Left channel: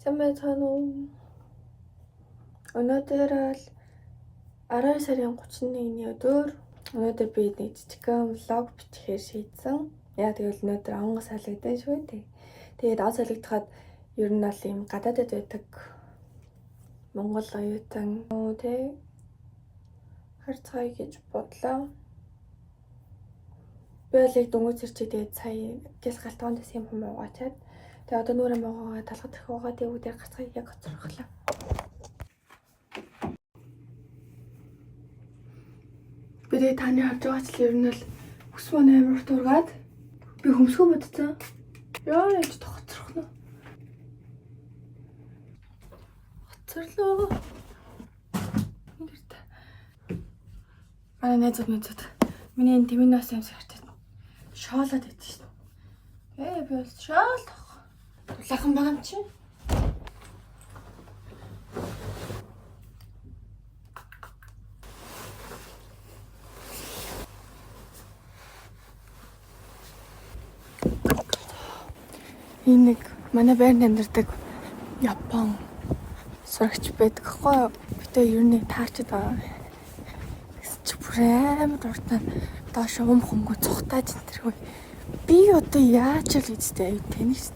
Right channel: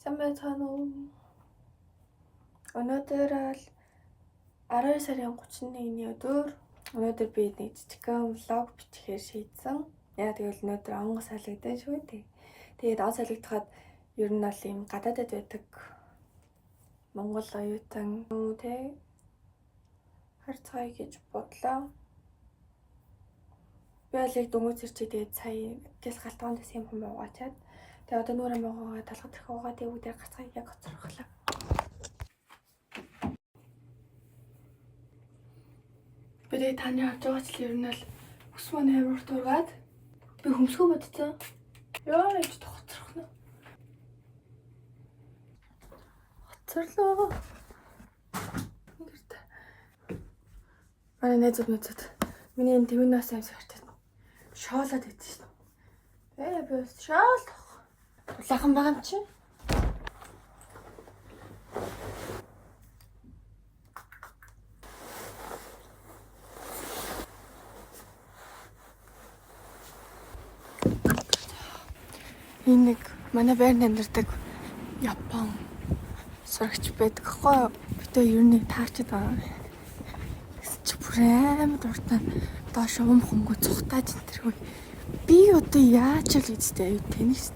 Сайн байна уу? Өнөөдөр л 12 сарын 31-ний өдөр. Өнөөдөр би нэг жижигхэн влог бичихээр шийдсэн. Яа тэгвэл өнөөдөр онгоц салгидан шүү дээ. Тэгээд он салгидахад ер нь бол юм гадаадд байдаг Монгол оюутан тий харцгаая гэж бодлоо. Би л яг дөнгөж ирчээ тэгээд сая гяс галтгоонд юм хүм угаачаад тэгээ одоо нүрэ могоогоо талхад их угаа тэгээд гацгаа яг гоцрохлаа. Би тэгээ таны харж байгаа ч ер нь л өс мөн амар ургаад би хөмсгөө бодцоо. Яа яаж тоцрохно. Хоцорлоо. Ингэртэ. Манай нэзэд миний энэ тэмнээс юмс хартай. Шоолоод идэж шин. Би бол шоол. Дулаахан байгаа юм чи. Энэ нэг манай байрны амьдардаг Япон сурагч байдаг хгүй. Гэтэ ер нь таарчд байгаа. Бүр амар уртаа доош хөнгө цухтааж энэ. Би одоо яаж л үстэй аюу тэнийс.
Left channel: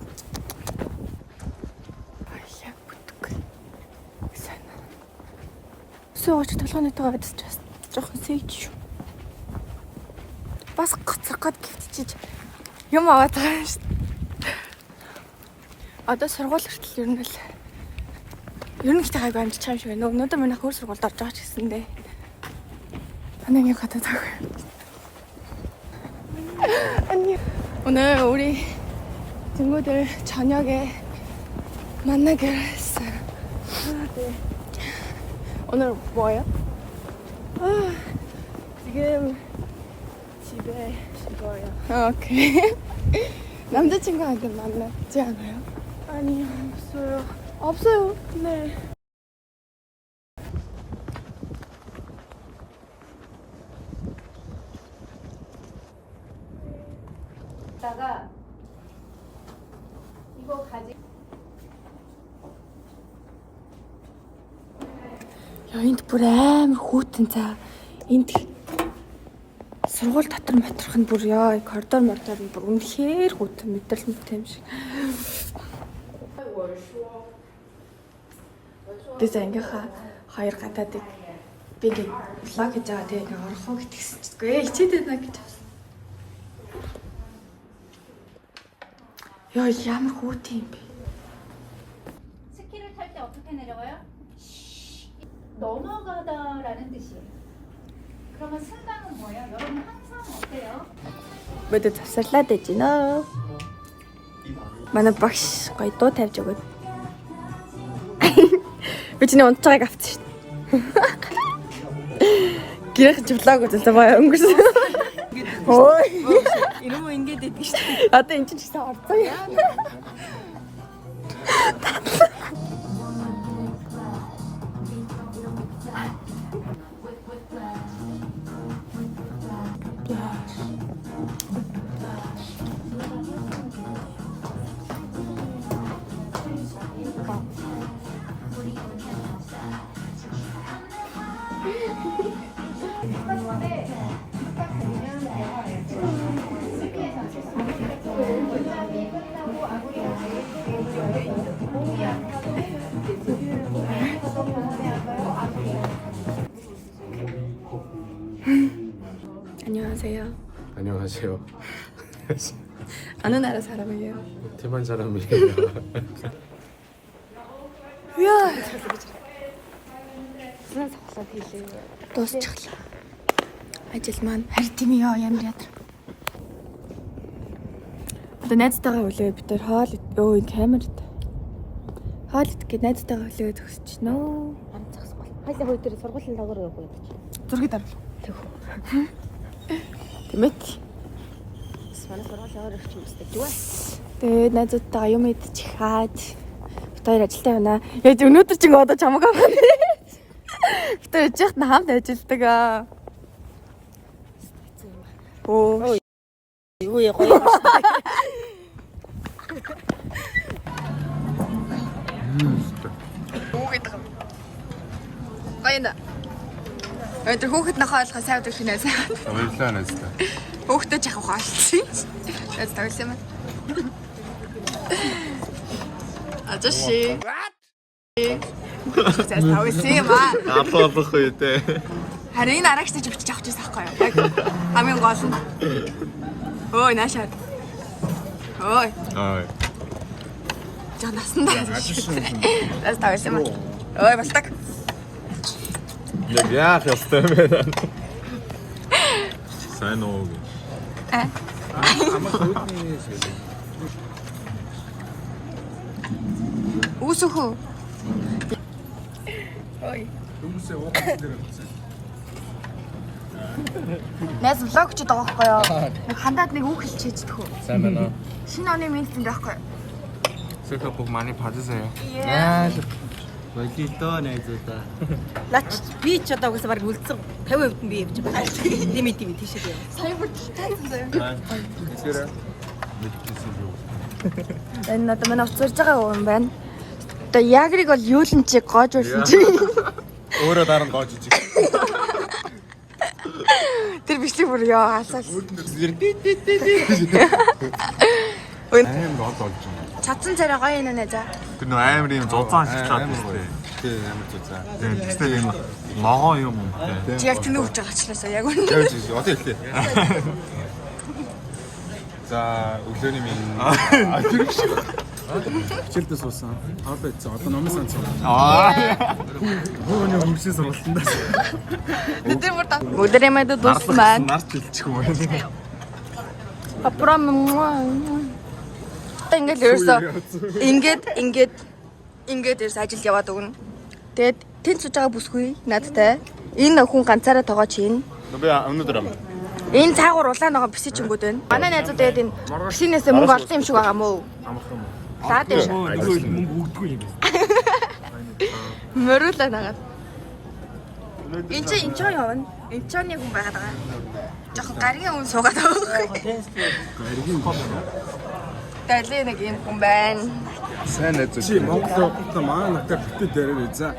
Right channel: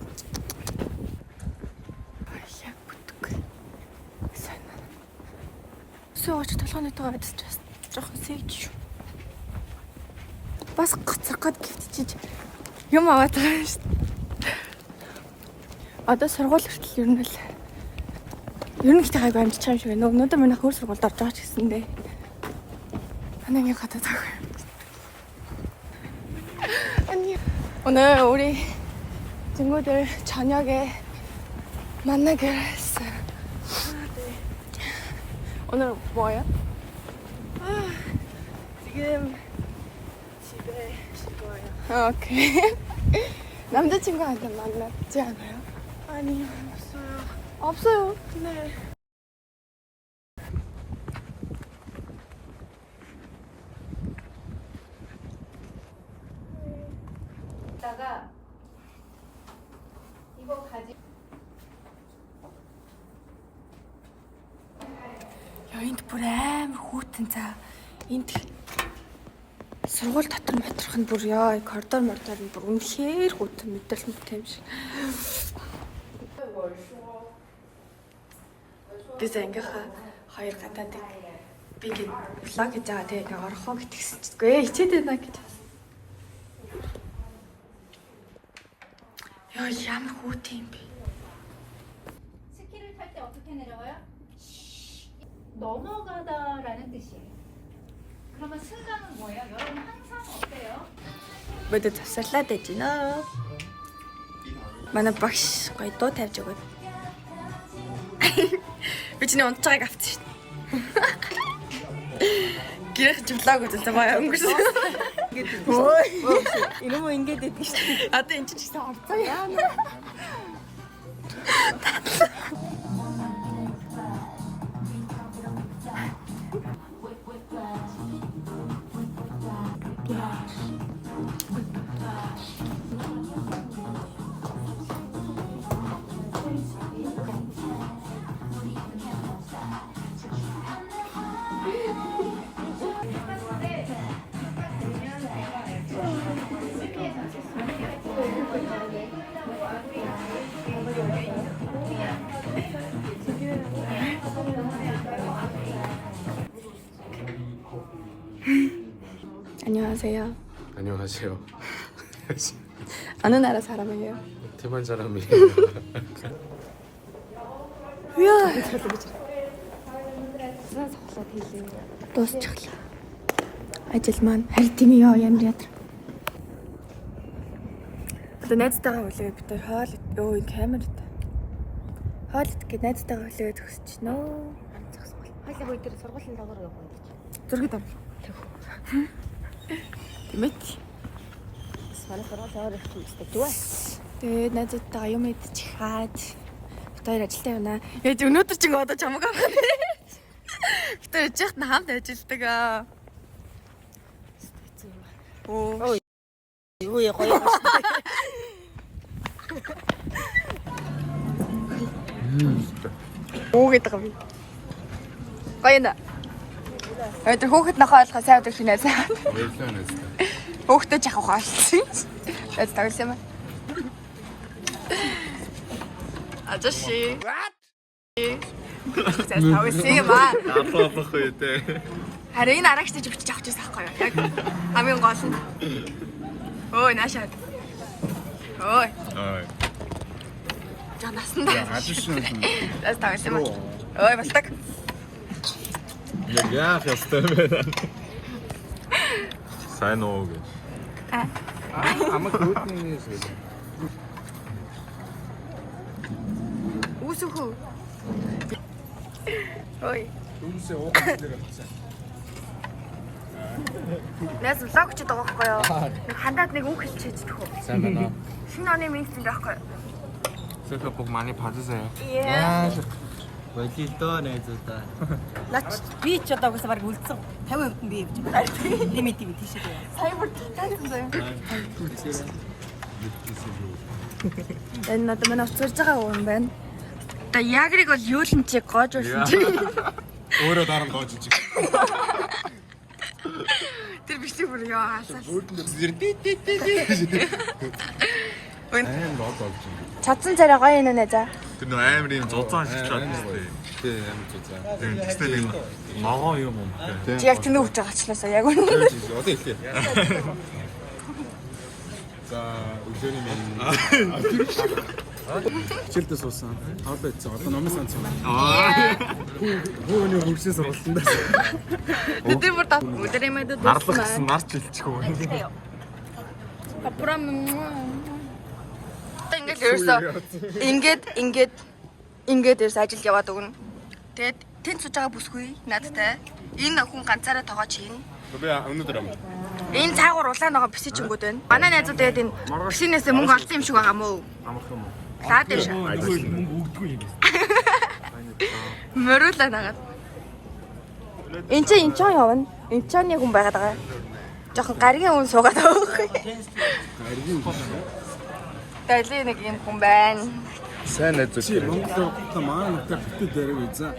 Аяа бүтг. Сайн. Сууч толгойнотойгоо идчихсэн. Жохон сэлж. Бас гоцроход гэвчиж юм аваад байгаа юм шүү. Одоо сургууль хүртэл ер нь ихтэй хайг амжиж байгаа юм шиг байна. Өнөөдөр манай хөр сургуульд орж байгаа ч гэсэн дээ. Анаа нэг хатаад байгаа. 오늘 우리 친구들 저녁에 만나기로 했어요. 오늘 뭐예요? 지금 집에 쉬고요. 오케이. 남자친구한테 만났지 않아요? 아니요, 없어요. 없어요. 네. Яа энд бүр амар хүүтэн цаа. Энд сургууль дотор матрах нь бүр яа коридор мордоор нь бүр үнэхээр хүүтэн мэдрэл мэт юм шиг. Гэсэн ингээ хоёр гадаад би гээ влог хийж байгаа тэгээ орохоо гэтгсэн чихгүй ичээд байна гэж. Яа ямар хүүтэн юм бэ? 스키를 탈 때 어떻게 내려와요? 넘어가다라는 뜻이에요. 그러면 승강은 뭐예요? 여러분 항상 어때요? Бид завсарлаад байж гинэ. Манай багш гоё дуу тавьж өгöd. Би чиний унтцагааг авчих. Гэрх влог үзсэн байгаа юм гэсэн. Ой. Ирэмүү ингэж идэв шүү. Одоо энэ чинь орцоо яа. 안녕하세요. 안녕하세요. 어느 나라 사람이에요? 대만 사람이에요. Яа. Дуусчихлаа. Ажил маань харин тийм ёо ямар ядар. Одоо найзтайгаа үлээ бид төр хоол өө камерт. Хоол идэх найзтайгаа үлээ төгсөж нөө. Харин зогсох бол. Хоёлаа хой дээр сургуулийн доогоор явах байх. Зургийг дар. Тэмэт. Манай сургуулийн өөр их юм өстэй дүү. Тэгээд найзтайгаа юм идчих хаад. Тэр ажилтаа байна. Яаж өнөөдөр ч одоо чамаг авах. Тэр яжхад хамт ажилдаг аа. Оо. Юу яа гоё. Уугээд байгаа. Гоё нэ. Өдөр хүүхэд нахаа ойлгох сайн удаа шинээс. Баярлалаа нэстэ. Хүүхдээ жах ухаалчих. Эц тагсан юм. 아저씨. За тавсан юм аа. Апаалах үедээ. Харин энэ арагч гэж өчөж авч ирсэн байхгүй юу? Яг хамгийн гол нь. Ой, наашаад. Ой. Аа. За насна. За тавсан юм аа. Ой, балтаг. Яг яах ёстой бэ? Сайн уу? Усуху. Ой. Нас влог ч байгаа байхгүй юу? Хандаад нэг үг хэлж хийдэг хөө. Сайн байна. Шинэ оны минут юм байхгүй юу? Сөхө бүх 많이 봐주세요. Болилоо найзуудаа. Нач би ч одоо угсаа баг үлдсэн 50% нь би явж байгаа. Лимит тийшээ. Сайн бүртэл тайсан. Үчирээ. Энэ надад манай уцарж байгаа юм байна. Одоо ягрыг бол юулын чи гоож байсан чи. Өөрөө дараа нь гоож ичиг. Тэр бичлэг бүр яа асаас. Аим гол болж байна. Цацсан царай гоё юм нэ за. Тэр нөө амар юм зузаан шиглаад байна. Тий, амар зузаан. Тэстэй могоо юм уу? Чи яг тэнэ өгч байгаа ч лээсаа яг үнэ. Одоо хэлээ. За, өглөөний минь. Хичээлдээ суусан. Хоолой идсэн. Одоо номын санц юм. Хөөний хөвшин сургалтанд. Бид бүр та өдрэмэд дууссан байна. Нас чилчих юм байна. Папрам ингээд ерөөсөө ингээд ерөөс ажил яваад өгнө. Тэгээд тэнд сууж байгаа бүсгүй надтай. Энэ хүн ганцаараа тоогоо чинь. Би өнөөдөр юм. Энэ цаагуур улаан ногоо бисичингүүд байна. Манай найзууд тэгээд энэ бисинээсээ мөнгө олсон юм шиг байгаа мó. Лаад дэш. Нөгөө мөнгө өгдөггүй юм. Мөрүүлээ нагаад. Энд чинь явна. Энд чинь нэг хүн байгаад байгаа. Жохон гаригийн хүн суугаад байгаа. Гаригийн Дайли нэг юм хүн байна. сайн найз Чи Монгол явахдаа манай нутгаар битүү дээрээ үзээ.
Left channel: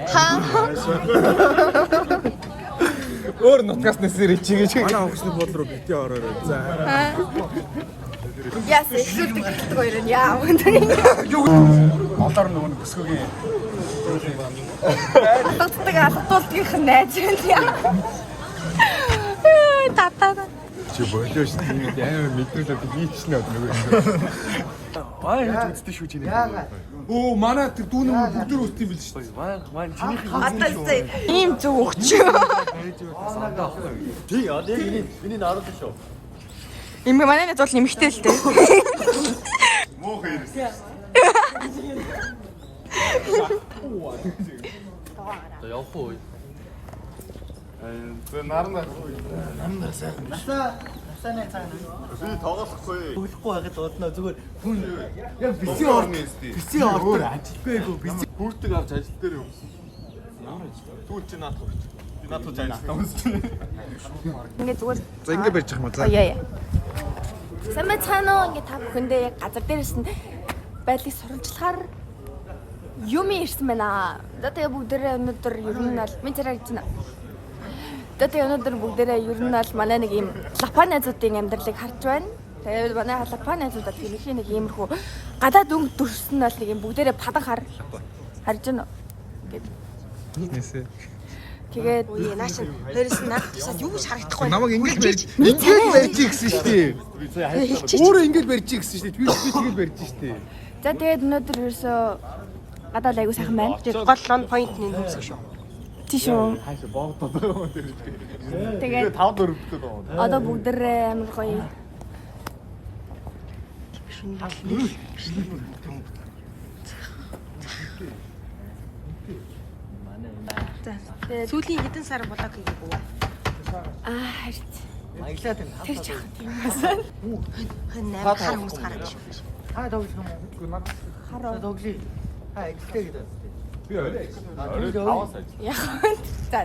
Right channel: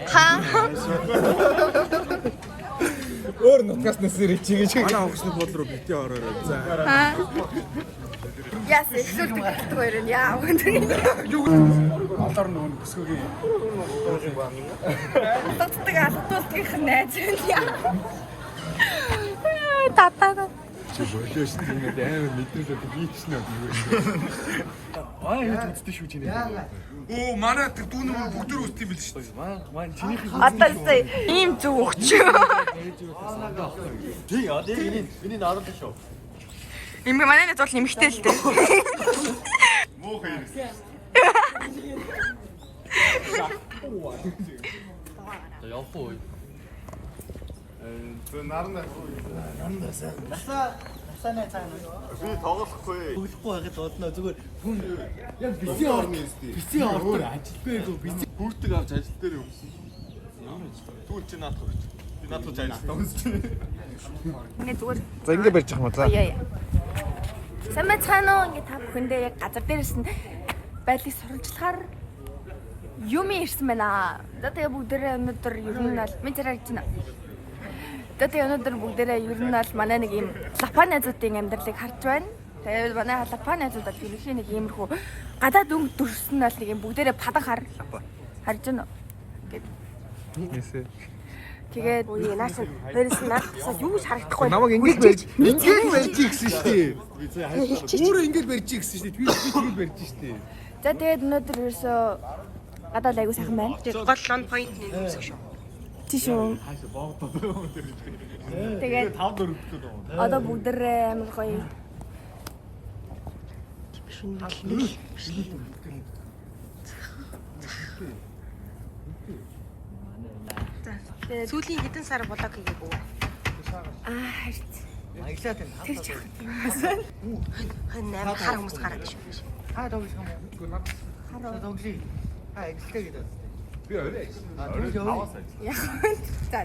өөр нутгаас нэсэр чигээ. Манай онгоцны бол руу битүү ороор үзээ. Яс эсвэл тэгдэг хоёр нь яа. Монголоор нөгөө бүсгүйгийн Алгадуулгийнх нь найз байна яа. Татаа. Чи болоо шүү дээ. Ингээд амар мэдрүүлээд хийчихнэ нөгөө. Аа энэ үздэг шүү чи нэг. Оо манай тэр дүүнээ бүгд төр үст юм бил шүү дээ. Маань чинийх нь Аталцаа ийм зүг өгч. сандаа ахгүй. Тий, одоо энийг наруулж шүү. Им манай найз бол нэмэгтэй л дээ. Муу хэрэг. За явах уу? Өглөхгүй байгаад бодноо зүгээр хүн яг бицийн орны өөр ажилгүй бицийн Бүртэг авч ажил дээр явсан. Ямар ажил? Түл чи наадах өгч. Би наадах ажиллах юмс. Ингээ зүгээр. За ингэ барьж ах юм за. Яа. Сайн мэцхан уу ингээ та бүхэндээ яг газар дээрээс нь байдлыг сурвалжлахаар юм ирсэн байна. За тэгээ бүгдээрээ өнөөдөр ер нь бол минь царай гэж байна. Тэгээ өнөөдөр бүгдээрээ ер нь бол манай нэг юм лапан найзуудын амьдралыг харж байна. Тэгээд манай лапан найзууд бол гэрхийн нэг иймэрхүү гадаад өнгө дүрсэн бол нэг юм бүгдээрээ падан харж байна. Нийтнээсээ. Тэгээд Нааш дээрээс нь наад тийшээ юу ч харагдахгүй. Намайг ингэж барьж гэсэн шүү дээ. Өөрөө ингэж барьж гэсэн шүү дээ. Би тэгэл барьж шүү дээ. за тэгээд өнөөдөр ерөөсөө гадаад айгуу сайхан байна. Гол лон point нэг юмсэг шүү. Тийшөө. Хаашаа боогдоо. Тэгээд 5-4 өдөр. одоо бүгдээрээ амар гоё. Тэгээд Сүүлийн хэдэн сар болоо хийгээгүй. харин аялаад байна. тэр жахад юм. Хэн 8 хар хүмүүс гараад шүү. Та тоглох юм. Хараа. Тоглоё. Аялалтай гэдэг. Яг за.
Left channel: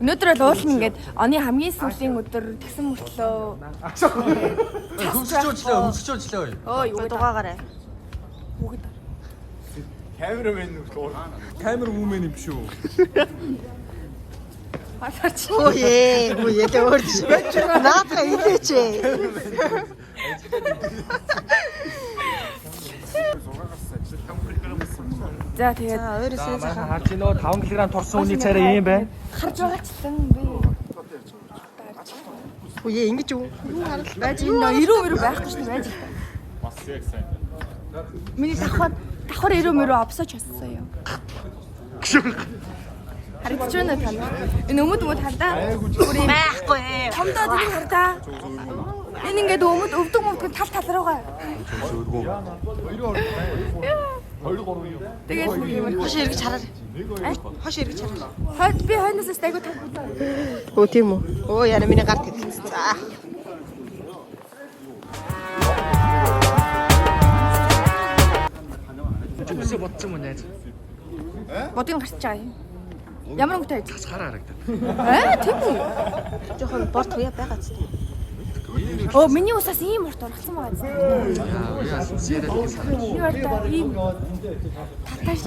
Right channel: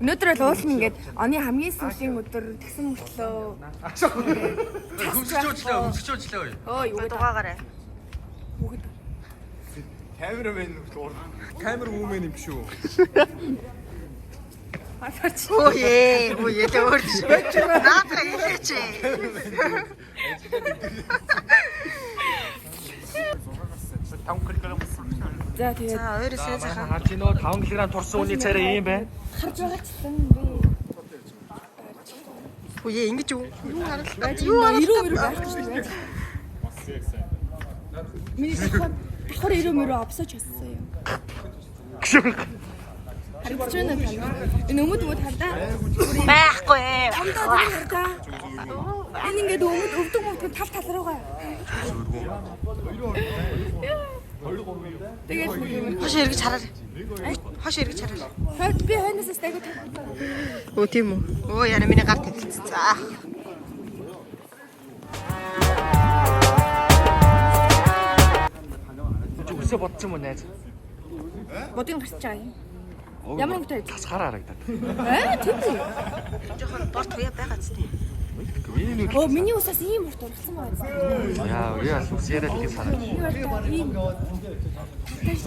Өнөөдөр бол уулна ингээд оны хамгийн сүүлийн өдөр тэгсэн мөртлөө Хөсчөөчлөө. Оо юу Дугаагаараа. Бүгд Камерамен юм шүү. Ой, дөөрч. Наадах илээч. За тэгээд Өөрөөсөө захаа. Чи нөө 5 кг торсон үний царай юм байна. харж байгаачлан би Ой, ингэж юу? Юу харал байж энэ 90 байхгүй шүү дээ байж. Миний давхар 90 авсаж болсон юм. Харагдаж байна уу тань? Энэ өмд хардаа. байхгүй. Томдоо тэр хардаа. Энэ ингээд өвдөг тал руугаа. Тэгээд нэг юм. Хош эргэж хараа. Хош эргэж хараа. Хойд би хойноос айгу тал. Өө тийм үү? Оо яра миний гар тэтгэлсэн. За. Өсө бодсон юм яаж? Бодгийн гарч байгаа юм. Ямар өнгөтэй байж? Цасгаар харагдав. Тийм үү? Жохон бор туяа байгаа ч тийм. Оо миний усаас ийм урт ургасан байгаа юм. Юу вэ? Ийм таташ.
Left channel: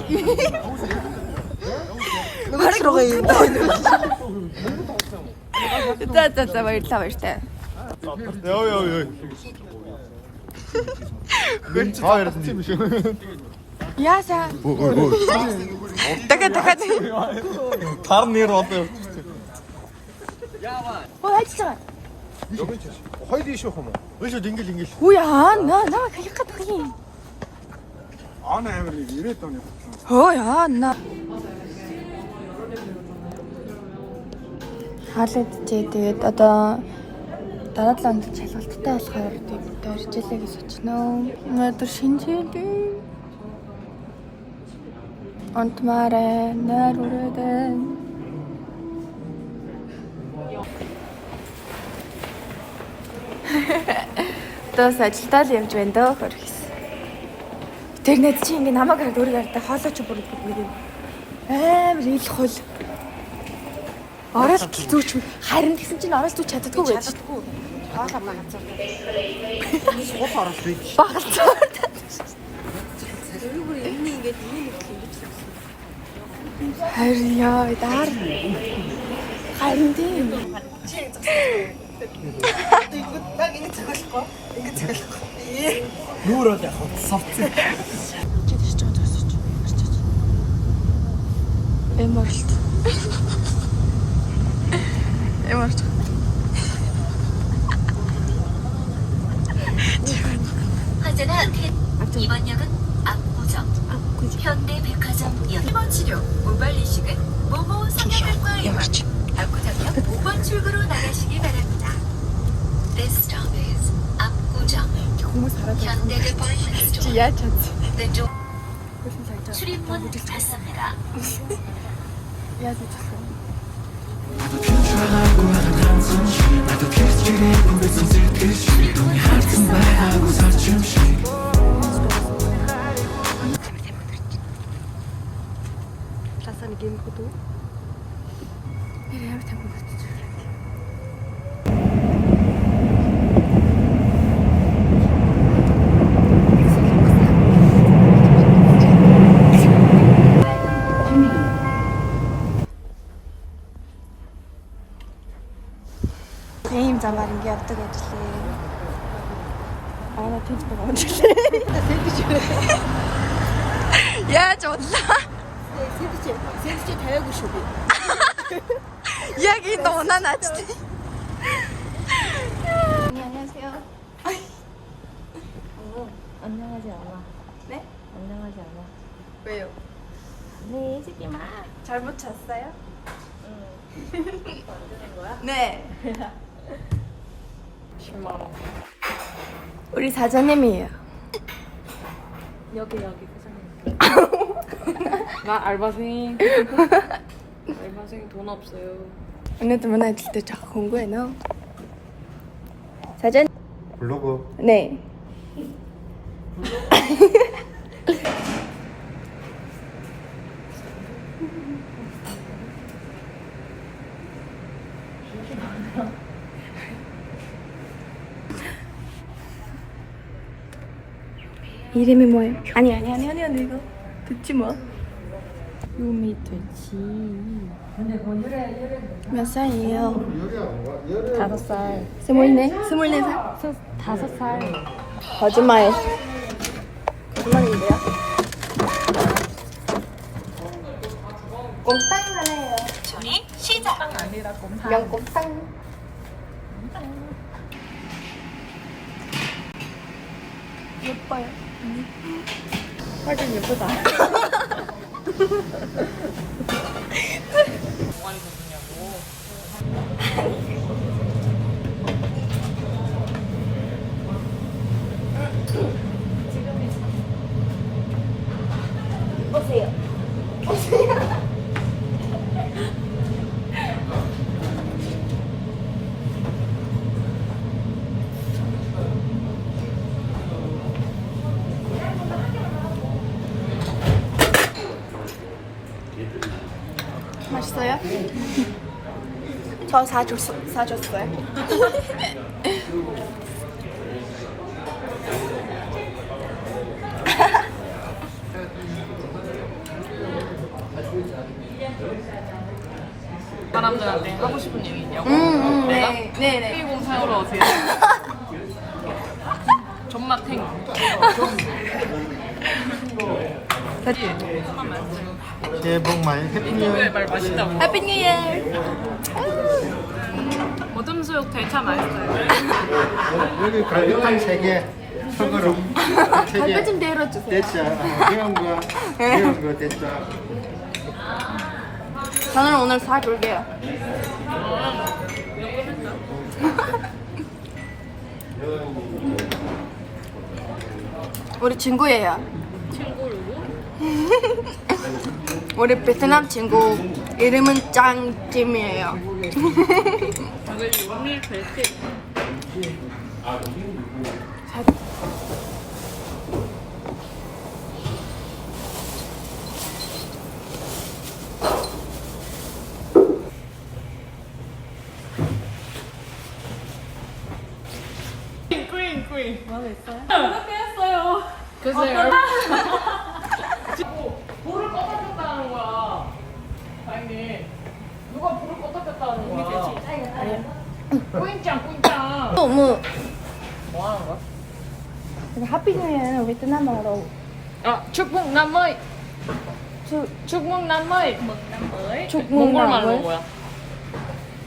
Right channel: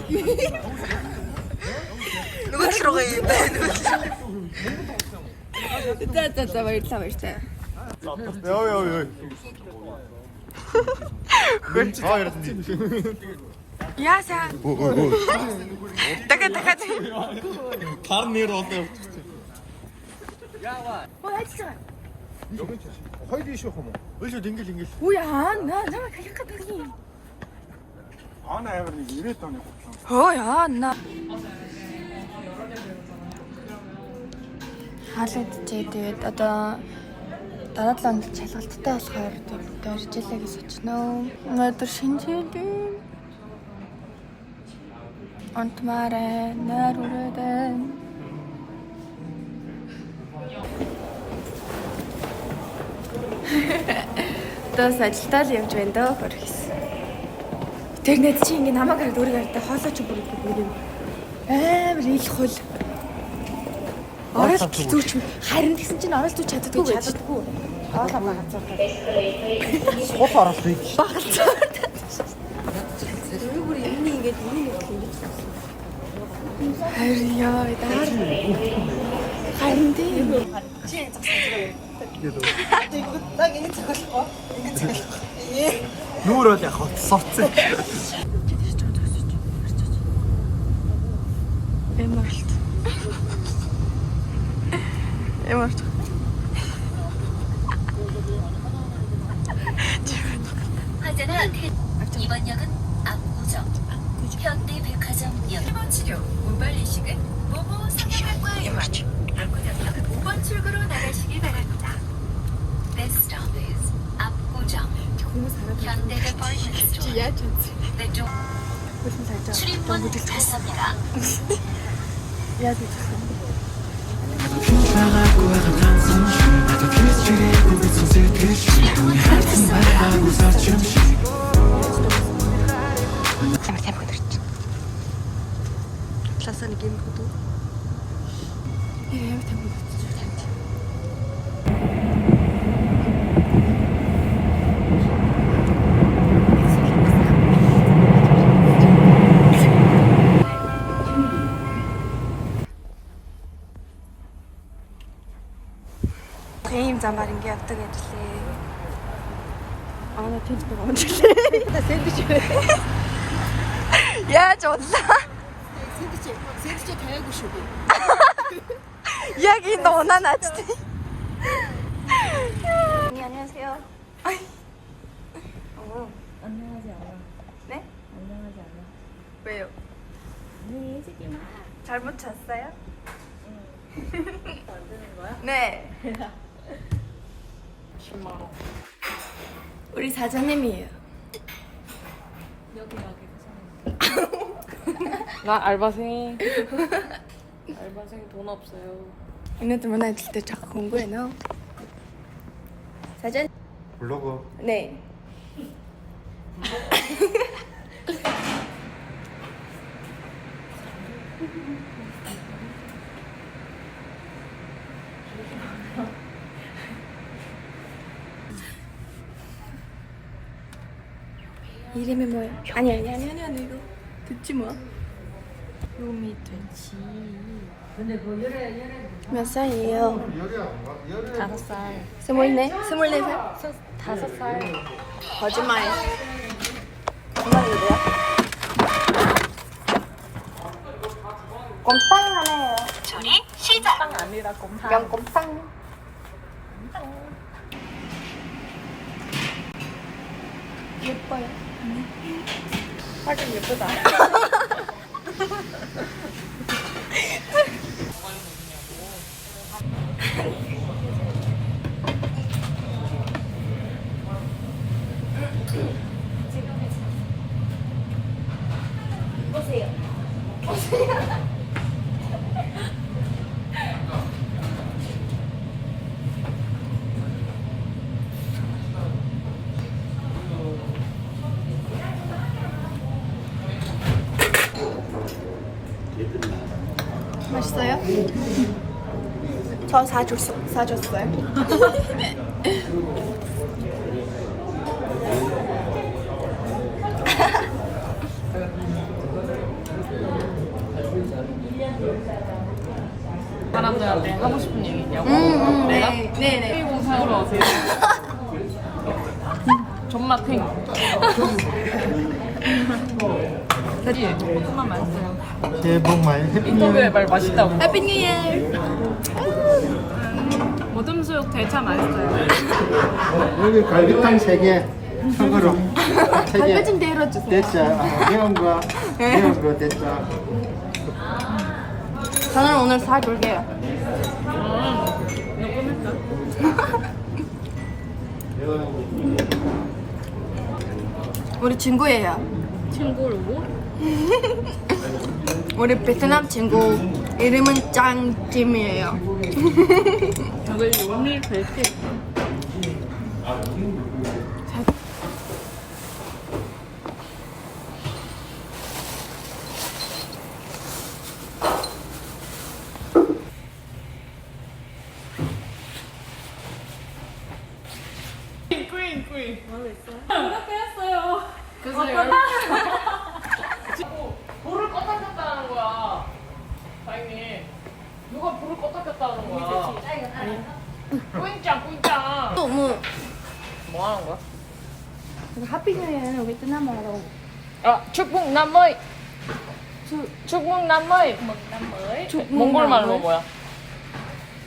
Нөгөө руугаа юм. За баярлалаа. Йоо. Хэнч таарсан юм шиг. Яасан? Өө. Дахиад. Тар нэр одоо явчих. Оо хайцгаа. Хойд ийш юм уу? Өшөд ингээл. Хүү яа наа хэлэх гэдэг юм. Ана амир нэг 90 тонны. Хөө яа наа. Хаалгадчээ тэгээд одоо дараа 7 өдөр чалгалттай болохоор гэрчлээ гэж сочихноо. Өнөөдөр шинжээлийн онтмаарэ нэр үрээдэн Тос ажилтал явж байна дөө хөрс. Тэгнэд чи ингэ намайг хараад өөрийгөө хараад хоолойч бүр юм. Амар ил хул. Орол зүуч харин гэсэн чинь орол зүуч чаддаггүй байж. Хоолоо багцуулдаг. Сох орол бий. Багцаа. Зөв бүр юм ингээд юм ингэж. Харин яа даар. Харин тийм. Баг ингэ цоглохгүй. Нүүр бол яг совцсон. Эморт. 환자는 이번 역은 압구정, 현대백화점역 1번 치료, 모발 이식은 모모 성형외과 압구정역 5번 출구로 나가시기 바랍니다. This stop is 압구정, 현대백화점 Яа чадсан. 왼쪽 Хөрсөн сайжаа. 출입문 닫습니다. Яаж үзсэн? 나도 핀줄알고 하던 손 나도 기스질이고 빗손 сэтгэж түүний харсан байгаагүй сарч юм шиг Класаа нэг юм хөдөө. Ямар тамиг утчих вэ? Тийм замаар ингэ явдаг ажиллаа. Аа тийч байгаа юм шиг. Яаж бодлоо? Сэвчээ тавиагүй шүү би. Яг энэ унаа наачтай. 안녕하세요. 안녕하지 않아. 네? 안녕하지 않아. 왜요? 네, 해주지 마. 잘못 잤어요? 네. 10만 원. 우리 사장님이에요. 여기 사장님. 나 알바생. 알바생 돈 없어요. 오늘도 문화 있을 때 자꾸 공부해놔. 사장? 블로그. 네. 이름이 뭐예요? 아니 이거 듣지 마. 요미 돼지. 몇 살이에요? 5살. 24살? 5살. 거짓말. 거짓말인데요? 꼼땅 하나예요. 조리 시작. 명꼼땅. 예뻐요. 하긴 예쁘다. 맛있어요? 저 사줬어요? 사람들한테 하고 싶은 얘기 있냐고? 내가? 네네. K04로 오세요. 존맛탱. 그치? 새해 복 많이 인터뷰에 말 맛있다고. 해피 뉴 이어. 모듬 수육 대차 맛있어요. 여기 갈비탕 3개. 참고로. 발표 좀 내려주세요. 됐죠. 이런 거 됐죠. 저는 오늘 사줄게요. 우리 친구예요. 친구로? 우리 베트남 친구 이름은 짱김이에요. 저걸 오늘 뵐게. 퀸. 뭐하고 있어요? 누가 깨웠어요. 글쎄요. 불을 껐다 켰다 하는 거야. 다행히. 누가 불을 껐다 켰다 하는 거야. 아니요. 꿀짱. 너무 뭐 하는 거야? 해피 뉴 이어는 베트남어로 아, 축복 남머이. 축복 남머이. 축복 몽골말로 남을 뭐야?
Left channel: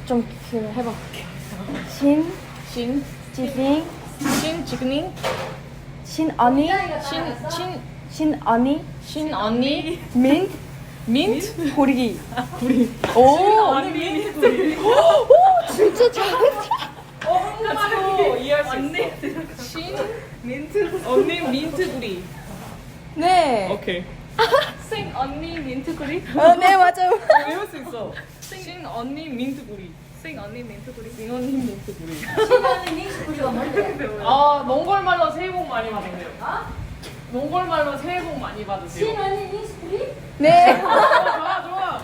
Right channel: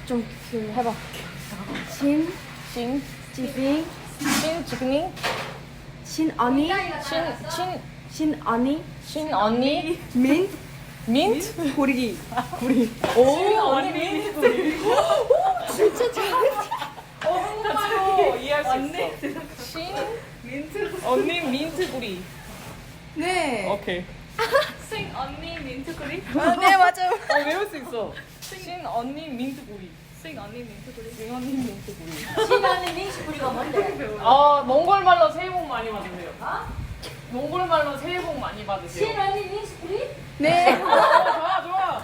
좀 해봐. 신, 지빙 지그닝, 신언니 신언니 언니, 민트 민트, 고리기. 오, 언니 민트 구리. 진짜 잘했어. 바로 이해할 수 있어. 신, 민트, 언니 민트 구리. 네. 오케이. 신 언니 민트 구리. 네 맞아요. 외울 수 있어. 신 언니 민트 구리. 신 언니 민트 구리. 신 언니 민트 구리. 아, 몽골 말로 새해 복 많이 받으세요. 몽골 말로 새해 복 많이 받으세요. 신 언니 민트 구리? 네. 좋아.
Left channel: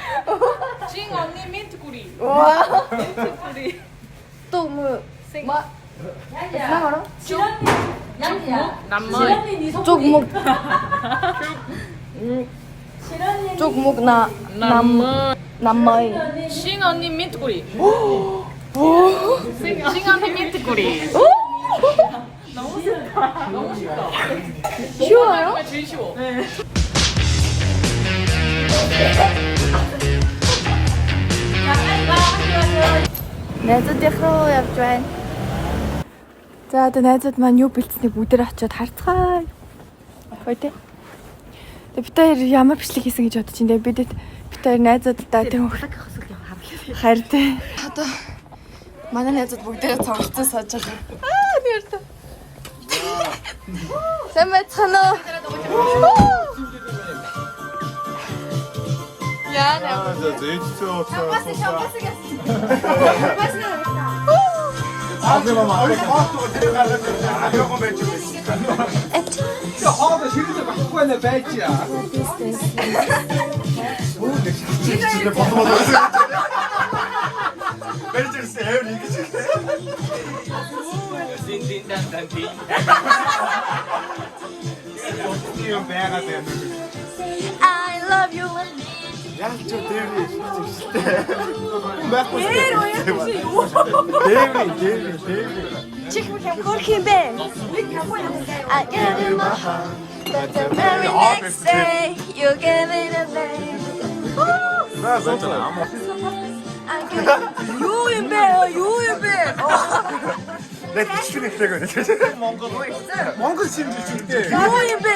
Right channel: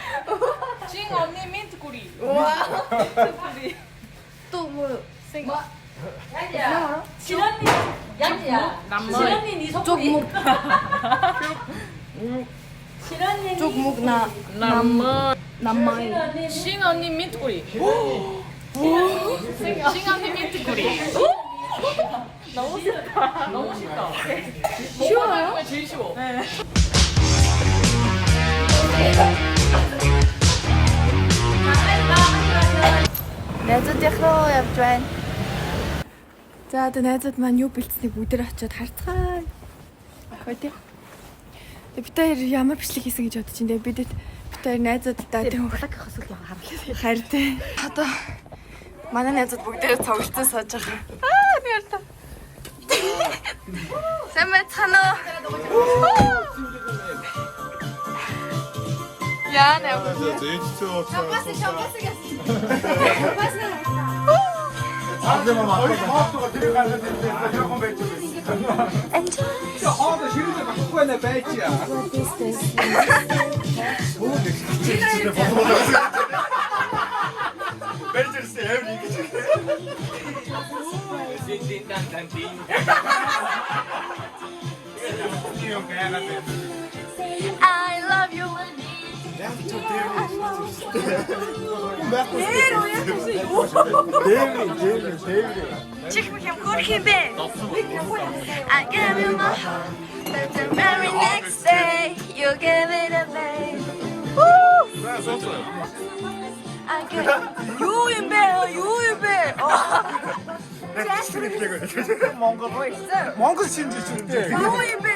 신 언니 민트 구리. 와. 민트 구리. 또 뭐? 베트남어로? 남머이. 쪽목. 쪽목 나 남머이. 신 언니 민트 구리. 신 언니 민트 구리. 너무 쉽다. 쉬워요? 제일 쉬워. Найзуудынхаа явж байна. За одоо найзууд маань юу бэлдсэнийг бүгдээр очиод харцгаая. Гоё тий. Бид хоёр ямар бичлэг хийсэн гэж бодож байна. Бид хоёр найзуудтай тийм хараа тий. Одоо манай найзууд бүгдээ цогцсон сууж байгаа. Аа нэрдэ. Сайн байцгаана уу? Яа нэ. хоолой ширүүгээ багхгүй нэ байж яа. Чи бодмоо. Бэрчэрсэн юм нэг чи. Дин дан ди. Юм байгаад байна. Яг ч дээврээ байхгүй. Дээврээ. чих юм хөрх юм бэ? I gave you my heart, but the very next day you gave it away. I gave Юу юм бэ? Юу юм бэ? Нэг чихний хэлээг Монгол шинжиж үгүй. Юу юм бэ?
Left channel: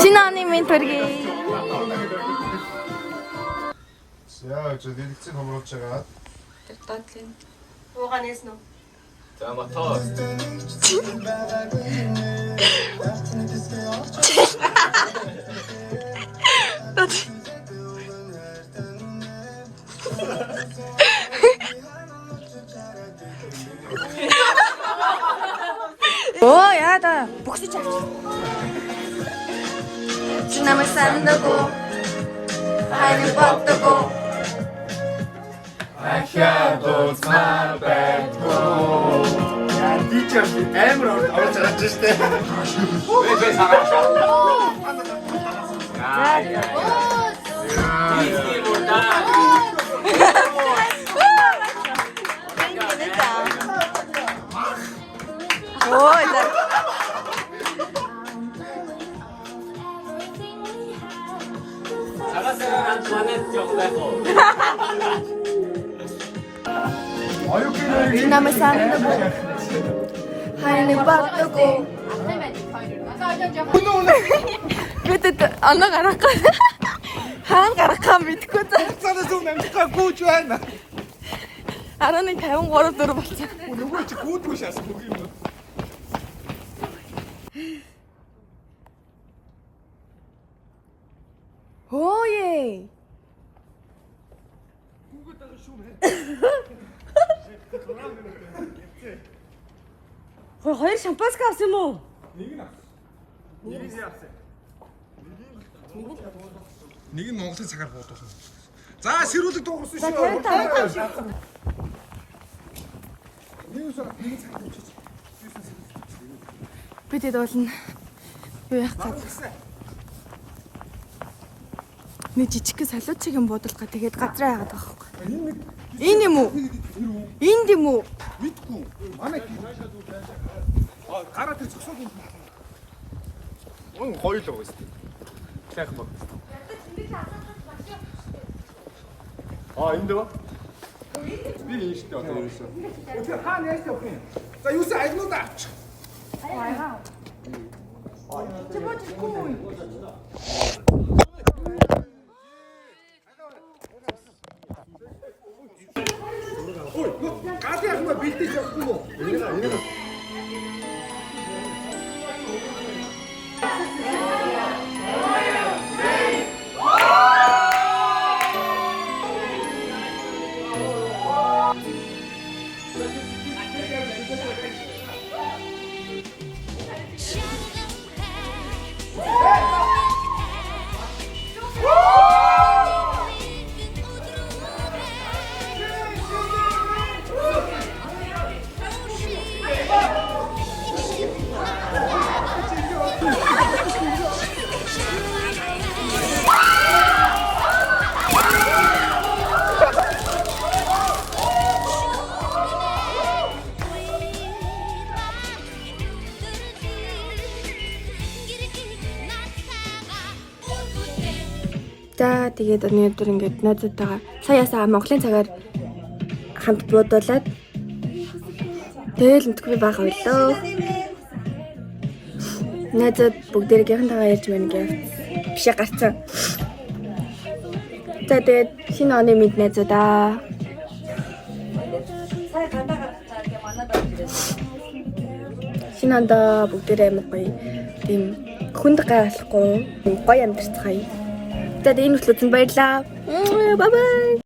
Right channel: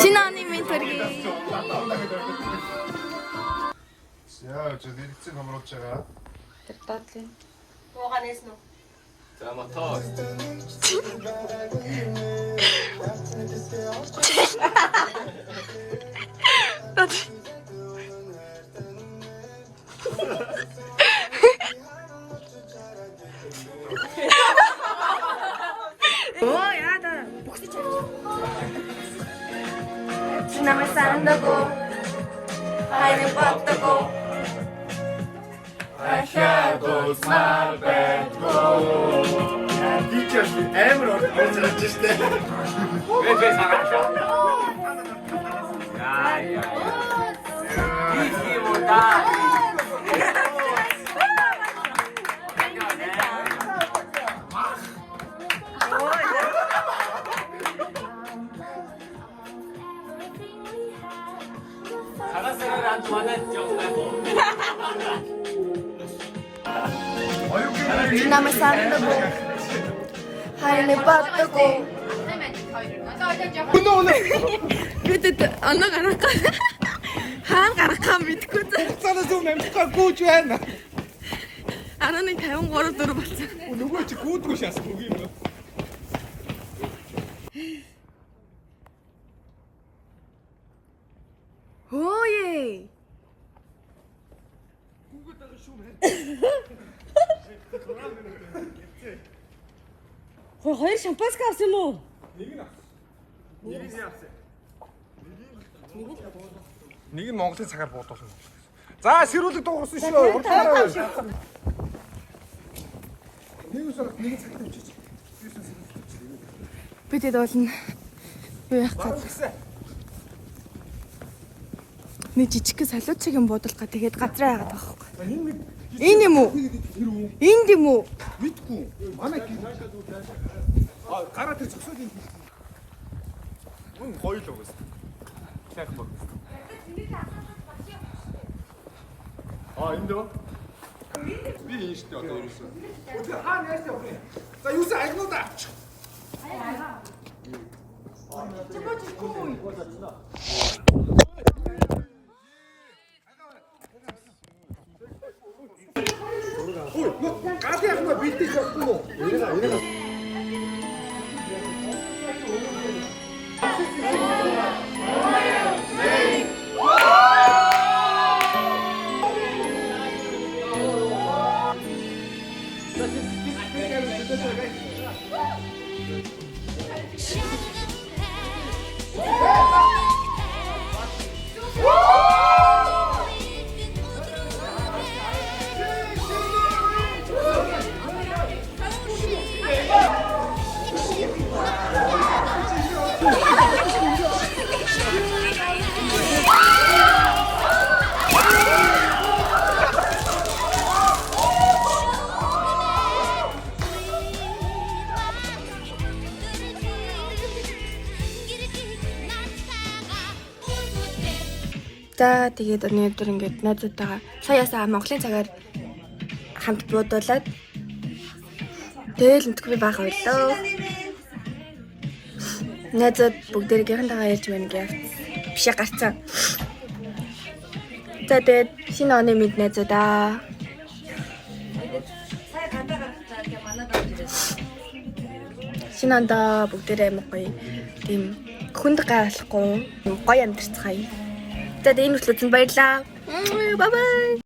신하님이 되게 За чи дэлгэцэн хомруулж байгаа. Уугаа нээсэн үү? За мотор. 오 야다 목소리 잘 지나면 산다고 하이는 뻗다고 Ахиадо сарбэтго. Яа тийчээс амар орж гарч штэ. 왜 사갔어? 야야. 이기보다. 오 이제 자가세가 좋아했죠. 지나면 산다고 하이는 뻗다고 бид анаа гарах хаана гарахаа мэдгүй заа. Цаанаас өмнө амтгаа гүйж байна. 11:53 4 болсон. Нөгөө чи гүйдгүй шаас үгүй юм. Хөөе. Хоёр шампанс авсан юм уу? Нэг нь Монголын цагаар бодсон. За сэрүүлэг дууссан шүү. Нэг цаг тавьчих. Бидэд болно. Юу яах гээд. Нэг жижиг салуучиг юм буудалгаа тэгээд газраа яагаад байгаа байхгүй. Энэ юм уу? Энд юм уу? Мэдгүй. Манай гараа тэр зөксөг юм. Гоё л байсан. Сайхан бол. Энд дөө. Би энэ штэ одоо ерөөсөө. Өдөр хаана яаш явах юм? За юусе агнууд авчих. Аяа. Чи бодчихгүй. Гады яхаа бэлдэж явахгүй юу? Энийг За тэгээд өнөөдөр ингээд найзуудтайгаа саяасаа Монголын цагаар хамт буудуулаад тэгэл энтгэв бага боллоо. Найзууд бүгдээрийнхэнтэйгээ ярьж байна гэж бишээ гарцсан. За тэгээд шинэ оны мэд найзуудаа. Шинэ онд бүгдээрээ амар гоё тийм хүнд гайхалахгүй гоё амьдарцгаая. За энэ хүртэл үзэн баярлалаа. Бай бай.